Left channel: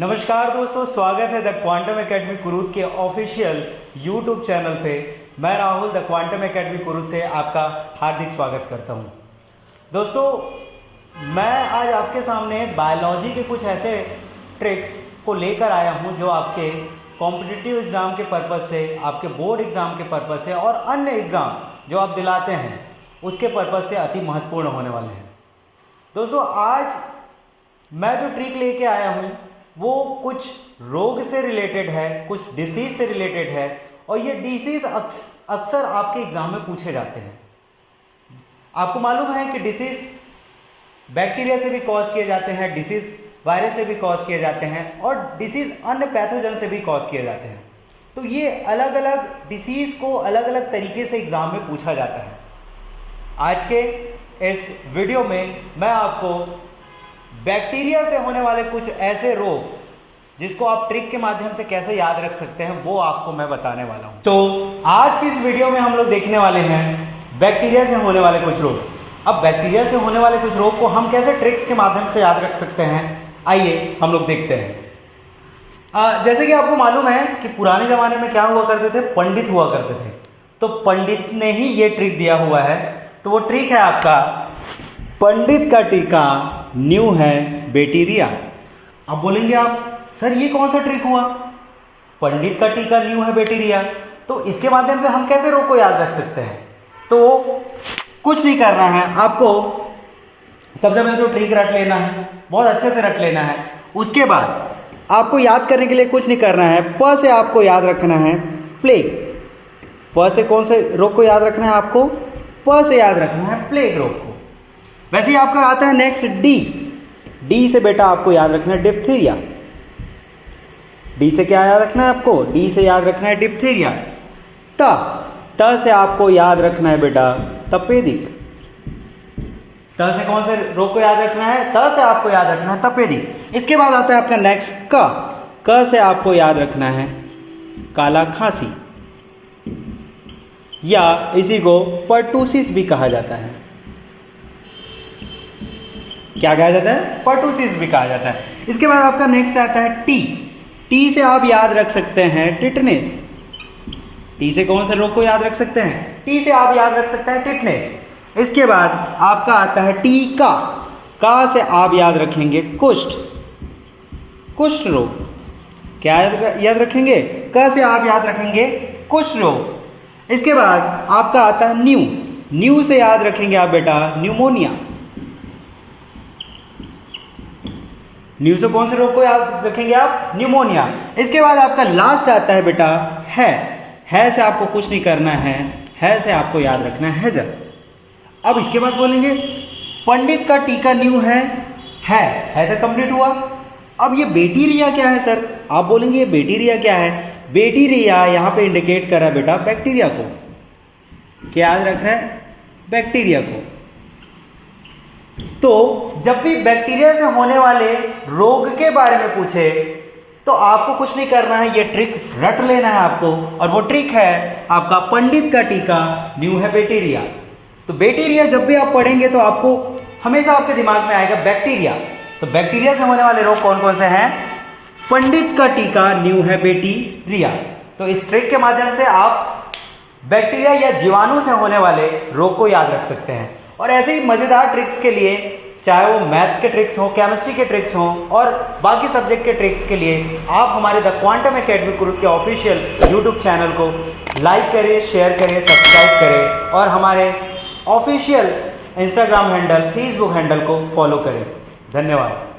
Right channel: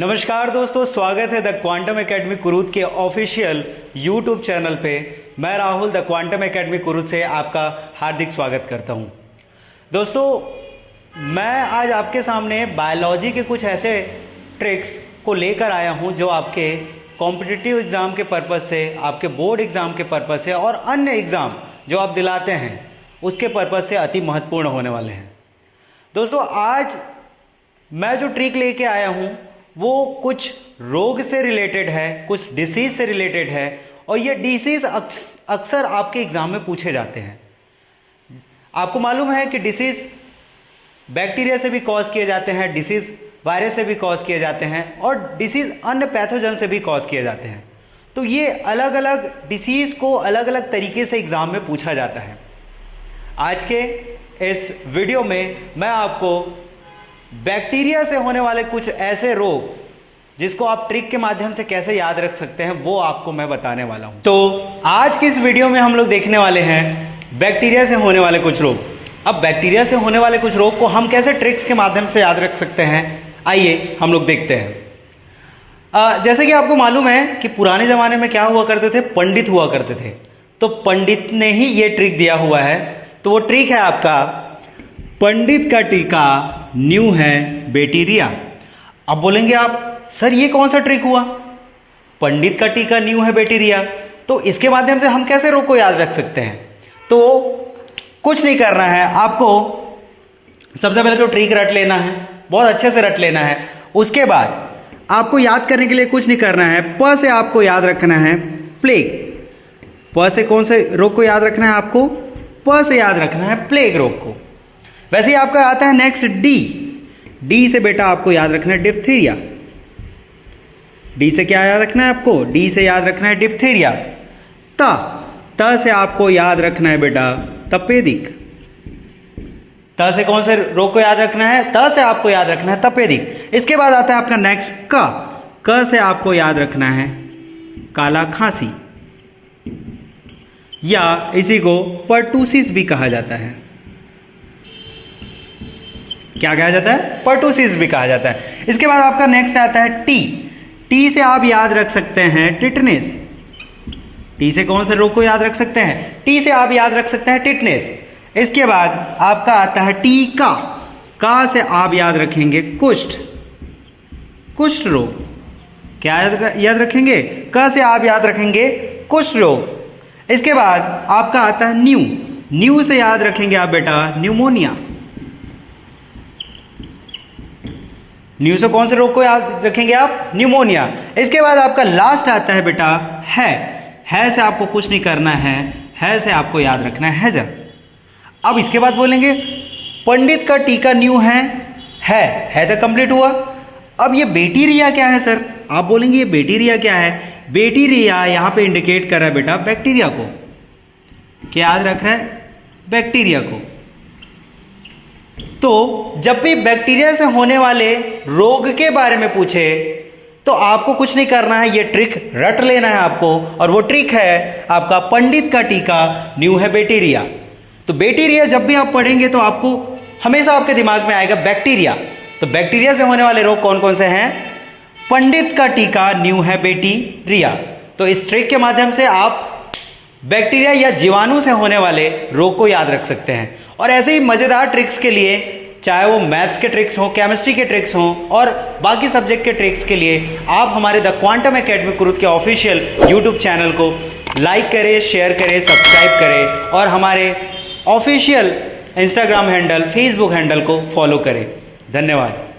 नमस्कार दोस्तों, स्वागत है द क्वांटम एकेडमी कुरुद के ऑफिशियल यूट्यूब चैनल पे। मैं Rahul the quantum academy Kurud से आपका हार्दिक स्वागत करता हूं। दोस्तों, मैं आज आपके सामने बायोलॉजी के कुछ ऐसे ट्रिक्स को लेकर आया हूं जो आपके कॉम्पिटिटिव एग्ज़ाम के पर्पज़ से, आपके बोर्ड एग्ज़ाम के पर्पज़ से और अन्य एग्ज़ाम जो आप दिलाते हैं उसके पर्पज़ से अति महत्वपूर्ण होने वाले हैं। दोस्तों, आज मैं जो ट्रिक लेके आया हूँ वो कुछ रोग से रिलेटेड है, कुछ डिसीज़ से रिलेटेड है और ये डिसीज़ अक्सर आपके एग्ज़ाम में पूछे जाते हैं। आपको मालूम है कि डिसीज़ बैक्टीरिया से भी कॉज किए जाते हैं, डिसीज़ वायरस से भी कॉज किए जाते हैं और डिसीज़ अन्य पैथोजन से भी कॉज किए जाते हैं। तो ये अलग अलग डिसीज़ को अलग अलग तरीके से एग्ज़ाम में पूछा जाता है। आज के इस वीडियो में मैं आपको बैक्टीरिया से होने वाले कुछ ऐसे रोग जिसको आप ट्रिक के माध्यम से कैसे याद रख सकते हैं वो आपको मैं बताने वाला हूं। तो आज के इस वीडियो में हम लोग देखने वाले हैं बैक्टीरिया से होने वाले कुछ रोग। अब बैक्टीरिया से होने वाले कुछ रोग को हम कैसे ट्रिक्स के माध्यम से याद रख सकते हैं, आइए हम लोग देखते हैं। जैसे कि आपको मालूम है कि पुराने ज़माने में क्या हुआ करते थे, पंडित हुआ करते थे। तो पंडित ने ही ये ट्रिक दिया हुआ है। तो वो ट्रिक है आपका पंडित का टीका न्यू है बैक्टीरिया। अब बोलेंगे आप, सर ये कौन सा ट्रिक हुआ, पंडित का टीका न्यू है बैक्टीरिया, तो इसके माध्यम से हम कैसे रोग को याद रख सकते हैं? तो कुछ नहीं करना है आपको। सबसे पहले तो ट्रिक रट लेना है, बहुत अच्छे से रट लेना है। उसके बाद आपको याद करने के लिए कुछ नहीं करना है। प से आपको याद रखना है प्लेग। प से कौन से रोग को याद रखना है आपको? प से याद रखना है प्लेग रोग को। वैसे ही आपका आता है नेक्स्ट डी। डी से बेटा आपको याद रखना है डिप्थीरिया। डी से क्या याद रखना है आपको? डी से याद रखना है डिप्थीरिया। त से आपको याद रखना है बेटा तपेदिक। त से कौन से रोग को याद रखना है? त से आपको याद रखना है तपेदिक। इसके बाद आता है आपका नेक्स्ट क से आपको याद रखना है काला खांसी, या इसी को पर्टूसिस भी कहा जाता है। क्या कहा जाता है? पर्टूसिस भी कहा जाता है। इसके बाद आपका नेक्स्ट आता है टी। टी से आप याद रख सकते हैं टिटनेस। टी से कौन से रोग को याद रख सकते हैं? टी से आप याद रख सकते हैं टिटनेस। इसके बाद आपका आता है टी का से आप याद रखेंगे कुष्ठ, कुष्ठ रोग। क्या याद रखेंगे? क से आप याद रखेंगे कुष्ठ रोग। इसके बाद आपका आता है न्यू। न्यू से याद रखेंगे आप बेटा न्यूमोनिया। न्यू से कौन से रोग को याद रखेंगे आप? न्यूमोनिया। इसके बाद आपका लास्ट आता है बेटा है से आपको कुछ नहीं करना है से आपको याद रखना है हैजर। अब इसके बाद बोलेंगे पंडित का टीका न्यू है तो कंप्लीट हुआ। अब ये बैक्टीरिया क्या है सर? आप बोलेंगे ये बैक्टीरिया क्या है? बैक्टीरिया यहाँ पे इंडिकेट कर रहा है बेटा बैक्टीरिया को। क्या याद रख रहा है? बैक्टीरिया को। तो जब भी बैक्टीरिया से होने वाले रोग के बारे में पूछे तो आपको कुछ नहीं करना है, ये ट्रिक रट लेना है आपको। और वो ट्रिक है आपका पंडित का टीका न्यू है बैक्टीरिया। तो बैक्टीरिया जब भी आप पढ़ेंगे तो आपको हमेशा आपके दिमाग में आएगा बैक्टीरिया। तो बैक्टीरिया से होने वाले रोग कौन कौन से हैं? पंडित का टीका न्यू है बैक्टीरिया। तो इस ट्रिक के माध्यम से आप बैक्टीरिया या जीवाणु से होने वाले रोग को याद रख सकते हैं। और ऐसे ही मज़ेदार ट्रिक्स के लिए, चाहे वो मैथ्स के ट्रिक्स हों, केमिस्ट्री के ट्रिक्स हों और बाकी सब्जेक्ट के ट्रिक्स के लिए आप हमारे द क्वांटम एकेडमी कुरुद के ऑफिशियल यूट्यूब चैनल को लाइक करें, शेयर करें, सब्सक्राइब करें और हमारे official Instagram handle, Facebook handle को फॉलो करें। धन्यवाद।